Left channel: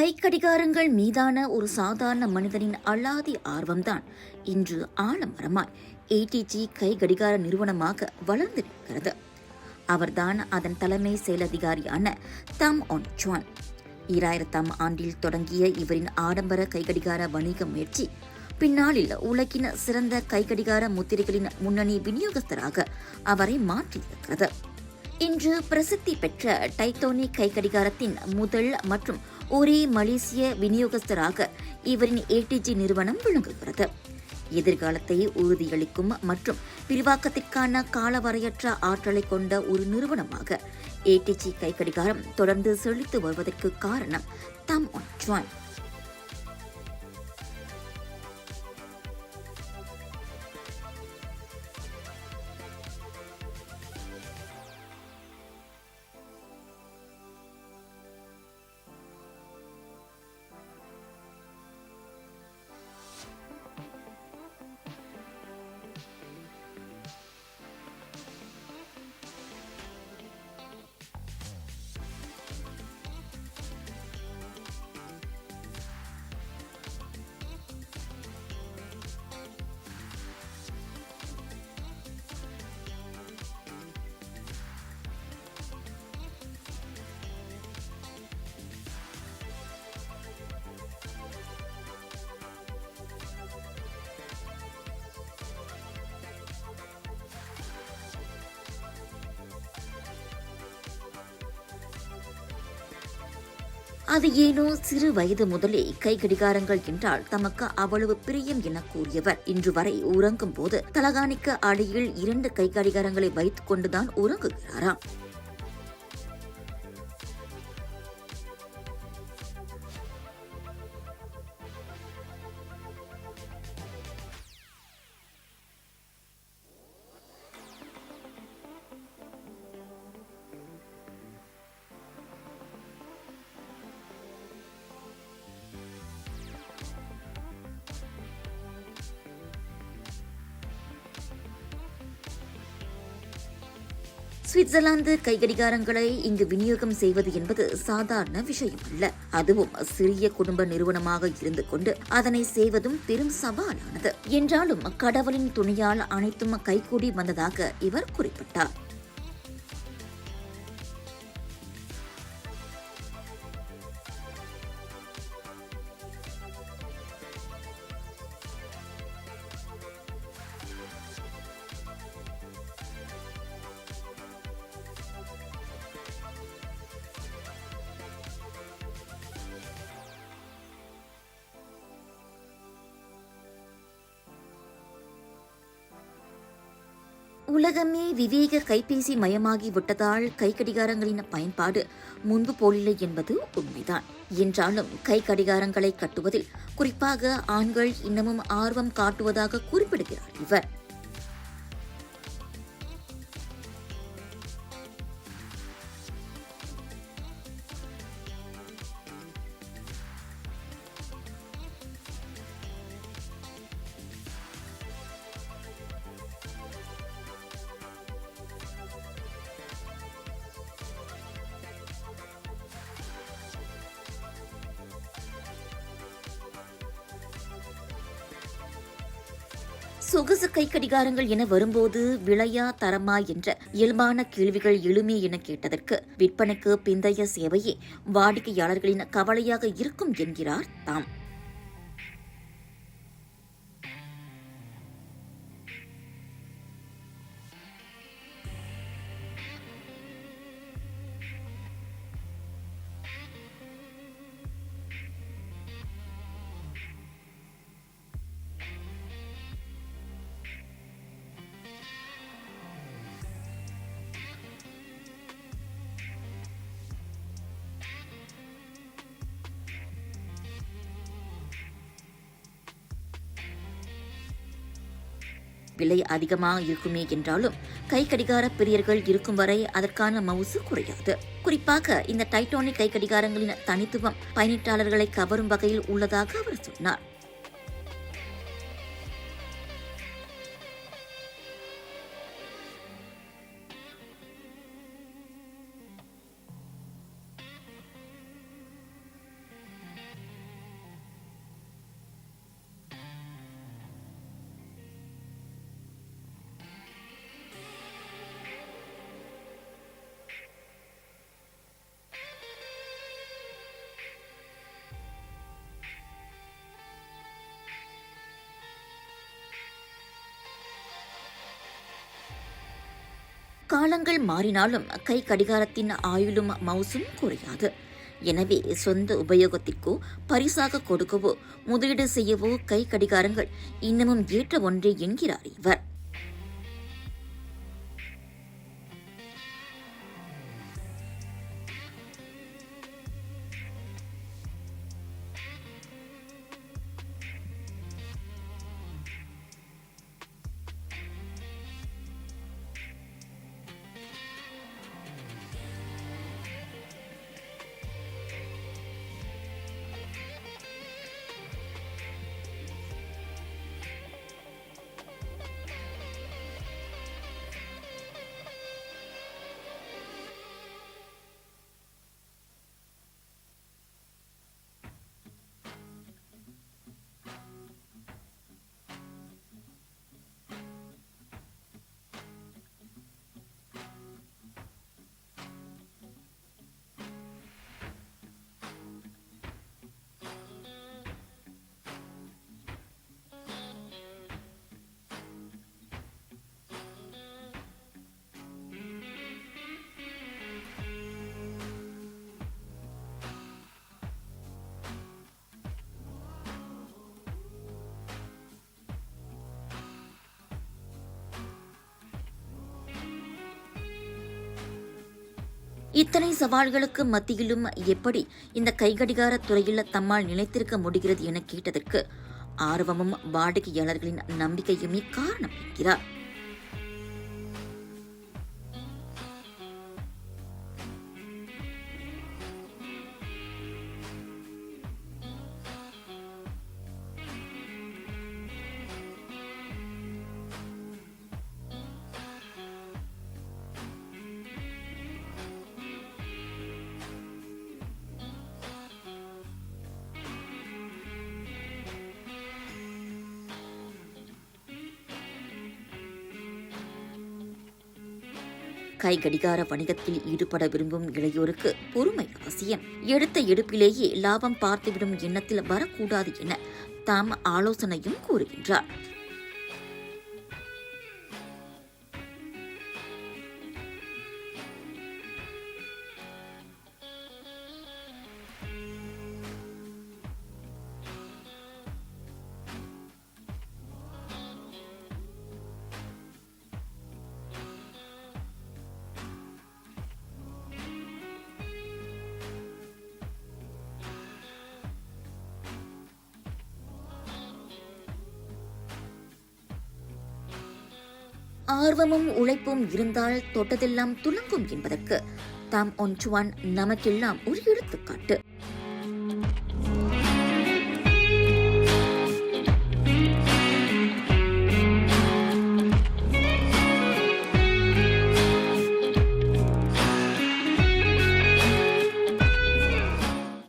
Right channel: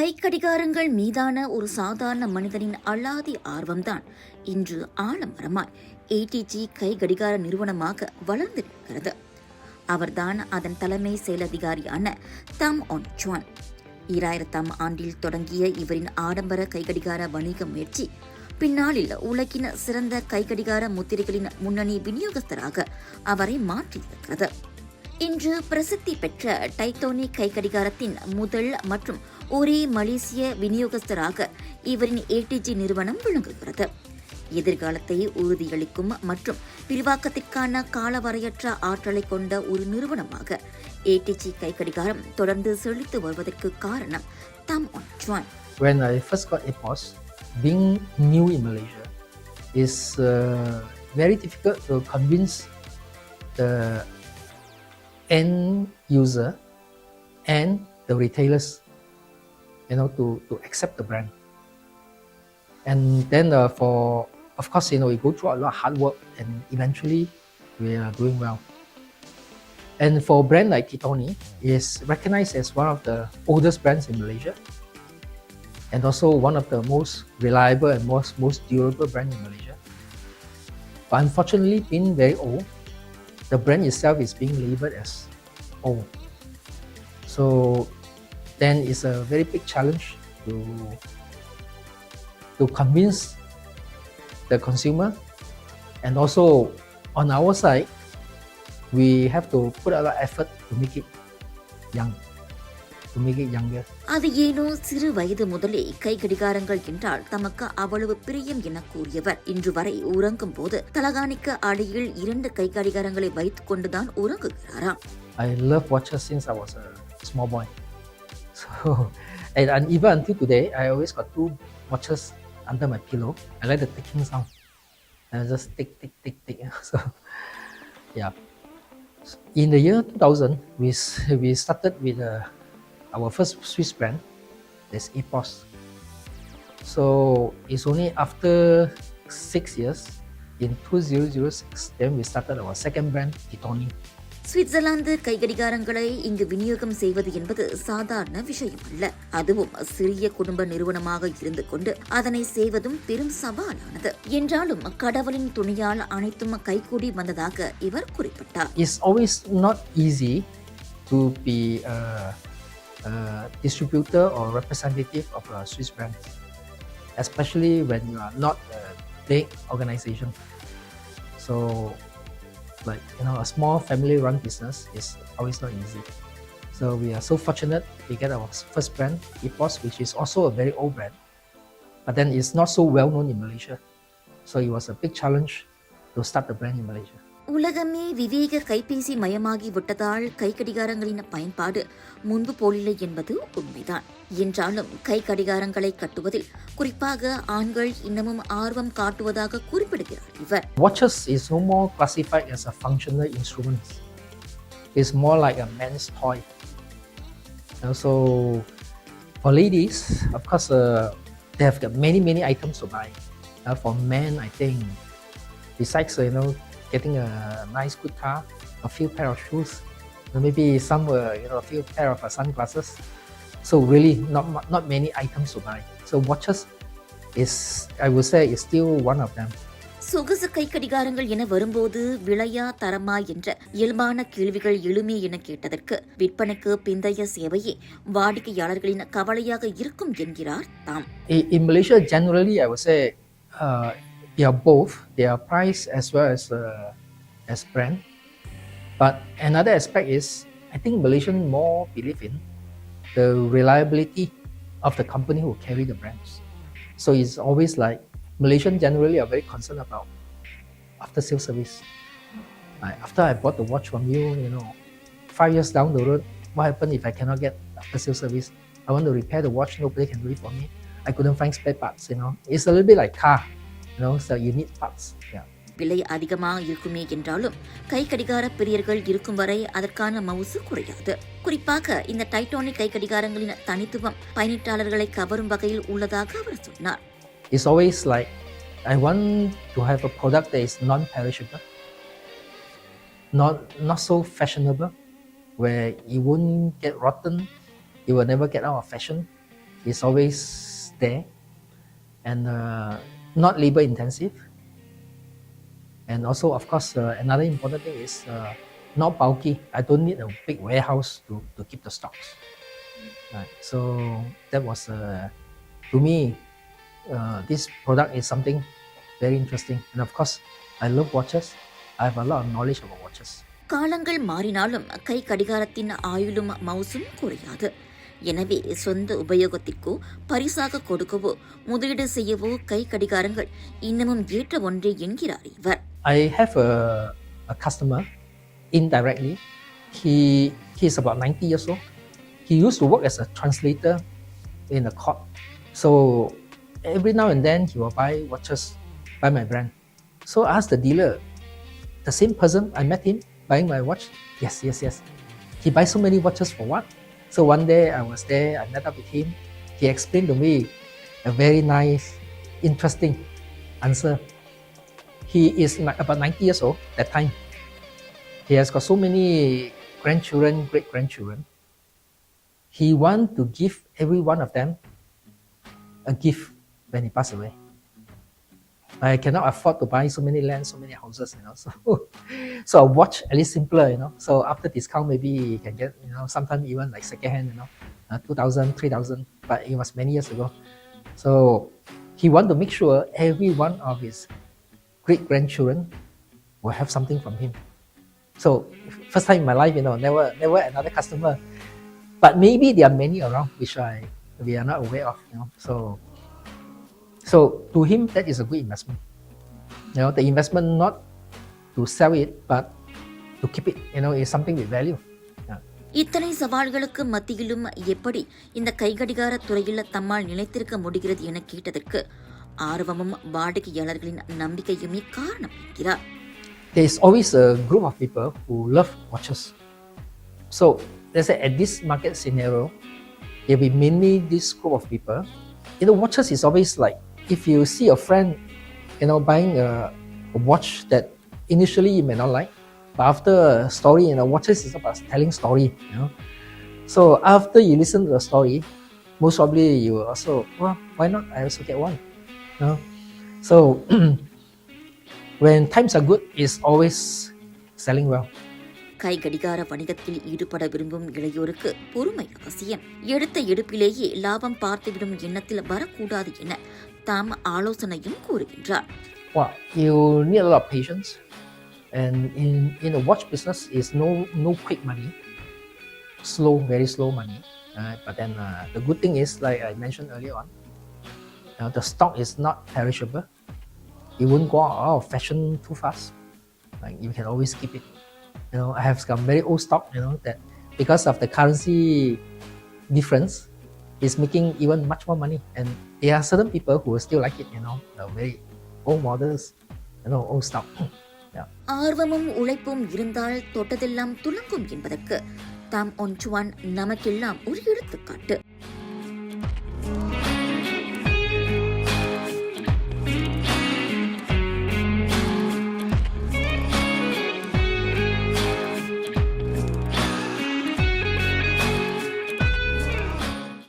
கைக்கடிகாரங்கள் மீதான ஒரு சாதாரண மனிதனின் அலாதி ஆர்வம்தான் இன்று ஆலமரமாய் ஏடிஜி கை கடிகார நிறுவனமாக வளர்ந்து நிற்கிறது. அவர்தான் அதன் தலைமை செயலதிகாரியான தாம் ஒன் சுவான். 2000ஆம் ஆண்டில் தொடங்கிய இவரின் ஆடம்பர கைக்கடிகார வணிக முயற்சி பின்னாளில் உலகின் சிறந்த கைக்கடிகார முத்திரைகளின் முன்னணி விநியோகஸ்தராக அவரை மாற்றியிருக்கிறது. இன்று பிரசித்தி பெற்ற டைட்டோனி கைக்கடிகாரத்தின் முதல் மற்றும் ஒரே மலேசிய விநியோகஸ்தராக இவரின் ஏடிஜி நிறுவனம் விளங்குகிறது. எதிர்காலத்தை உறுதியளிக்கும் மற்றும் விரிவாக்கத்திற்கான காலவரையற்ற ஆற்றலை கொண்ட ஒரு நிறுவனமாக ஏடிஜி கைக்கடிகாரம் தொடர்ந்து செழித்து வருவதற்கு காரணம் தாம் one சுவான். When I first got APOS, being new in Malaysia is very difficult to convince the end user and the retailers, to accept the brand. And then of course, we go through a lot of hard work and eventually we are doing well. And for a brand like Titoni, is recognized as one of the oldest brands in Malaysia and also one of the most reliable and most durable brands in Malaysia. But unfortunately, being very old, the brand itself is being labeled as old. So then it's a very big challenge to convince the consumer, and also on our side, we have to put a lot of effort to make it young. அது ஏனோ சிறு வயது முதலே கை கடிகாரங்கள் என்றால் தமக்கு அவ்வளவு பிரியம் என கூறியவர் இன்று வரை உறங்கும் போது தலகாணிக்கு அடியில் 2 கை கடிகாரங்களை வைத்துக் கொண்டுதான் உறங்குகிறாராம். I love watches since I was a small boy. So, and even until today, I always got 2 watches under my pillow. I like the ticking sound. And I just tick, tick, tick, tick. So, yeah. In the year 2000, we started with our first Swiss brand, that's APOS. So it's only after 6 years, in 2006, then we started our second brand, Titoni. Switzerland கைகடிகாரங்களை இங்கு விநியோகம் செய்வது என்பது சாதாரண விஷயம் அல்ல. அதுவும் சிறிய குடும்ப நிறுவனமாக இருந்து கொண்டு அதனை செய்வதும் பெரும் சவாலானது. என்றாலும் கடவுளின் துணையால் அனைத்தும் கைகூடி வந்ததாக இவர் குறிப்பிட்டார். It's always not easy to be a distributor or representative of a Swiss brand, especially when you are not a big organization. So, a small family-run business is always not easy. So we are so fortunate to get our first brand, APOS, which is also a very old brand, but then it's not so well known in Malaysia. So it was a big challenge to start the brand in Malaysia. உலகமே விவேக கைபேசி மயமாகி விட்டதால் கைக்கடிகாரங்களின் பயன்பாடு முன்பு போலில்லை என்பது உண்மைதான். என்றாலும் கை கடிகாரங்களை கட்டுவதில் குறிப்பாக ஆண்கள் இன்னமும் ஆர்வம் காட்டுவதாக குறிப்பிடுகிறார் இவர். Watches is no more classified as a functional instrument. It's more like a man's toy. So for ladies, of course, they have got many items to buy. For men, I think, besides getting a nice good car, a few pair of shoes, maybe some a few pair of sunglasses. So really not many items to buy. So watches is, I would say, is still one of them. சொகுசு கை கடிகாரங்கள் என வரும்போது விலையா தரமா என்ற இயல்பான கேள்விகள் எழுமே என கேட்டதற்கு விற்பனைக்கு பிந்தைய சேவையே வாடிக்கையாளர்களின் கவலையாக இருக்கும் என்கிறார் தாம். In Malaysia, generally, I would say they are both. They are price as well as brand. But another aspect is, I think Malaysians more believe in the reliability of the company who carry the brands. So it's always like Malaysians generally are very concerned about after sales service. After I bought the watch from you, 5 years down the road, what happens if I cannot get after sales service? I want to repair the watch, nobody can do it for me. I couldn't find spare parts. It's a little bit like car. So you need parts. Yeah. விலை அதிகமாக இருக்குமே என்றாலும் கை கடிகார பிரியர்கள் இருக்கும் வரை அதற்கான மவுசு குறையாது. குறிப்பாக இந்த டைட்டோனி கை கடிகாரங்களின் தனித்துவம் பயனீட்டாளர்களை கவரும் வகையில் உள்ளதாக அவர் சொன்னார். It's always like, I want to have a product that is non-perishable, not so fashionable, where it won't get rotten, it will never get out of fashion. is always there, and not labor intensive. And also, of course, another important thing is not bulky. I don't need a big warehouse to keep the stocks. Right. So that was, to me, this product is something very interesting. And of course, I love watches. I have a lot of knowledge about watches. காலங்கள் மாறினாலும் கை கடிகாரத்தின் ஆயுளும் மவுசும் குறையாது. எனவே சொந்த உபயோகத்திற்கோ பரிசாக கொடுக்கவோ முதலீடு செய்யவோ கை கடிகாரங்கள் இன்னமும் ஏற்ற ஒன்றே என்கிறார் இவர். I have a customer indirectly. He's about 90 years old. He used to work as a translator in a court. So every now and then he will buy watches by my brand. So I asked the dealer, the same person I met him buying my watch. Yes. He buys so many watches for what? So one day I was there, I met up with him. He explained to me a very nice, interesting answer. He is about 90 years old that time. He has got so many grandchildren, great-grandchildren. He wants to give every one of them a gift when he passed away. I cannot afford to buy so many lands, so many houses, So a watch at least simpler, So after discount, maybe you can get, sometimes even like second hand, 2,000, 3,000. But it was many years ago. So he want to make sure every one of his great-grandchildren will have something from him. So first time in my life, never another customer. But maybe there are many around which we are not aware of, So to him, that is a good investment. The investment not to sell it, but to keep it, is something with value. இத்தனை சவால்களுக்கு மத்தியிலும் எப்படி இந்த கைகடிகார துறையில் தம்மால் நிலைத்திருக்க முடிகிறது என கேட்டதற்கு ஆர்வமும் வாடிக்கையாளர்களின் நம்பிக்கையுமே காரணம் என்கிறார். There is always a group of people who love watches. So let's say at this market scenario, there will be mainly this group of people. Watches is always like, if you see a friend, buying a watch that initially you may not like, but after a story, watches is about telling story, So after you listen to the story, most probably you will also, well, why not? I also get one, So when times are good, it's always selling well. கை கடிகார வணிகத்தில் ஈடுபட விரும்பும் இளையோருக்கு பொறுமை அவசியம். எடுத்த எடுப்பிலேயே லாபம் பார்த்துவிடும் எண்ணத்தில் வரக்கூடாது என தாம் ஆலோசனையும் கூறுகின்றார். Well, you need a lot of patience, and in the watch business is no quick money, very slow money. But then the good thing is, like I mentioned earlier on, the stock is not perishable. It won't go out of fashion too fast. Like you can always keep it. I have some very old stock, that because of the currency difference, is making even much more money. And there are certain people who will still like it, the very old models, old stock. ஆர்வமும் உழைப்பும் இருந்தால் தொட்டதெல்லாம் துலங்கும் என்பதற்கு தாம் one சுவான் நமக்கெல்லாம் ஒரு எடுத்துக்காட்டு.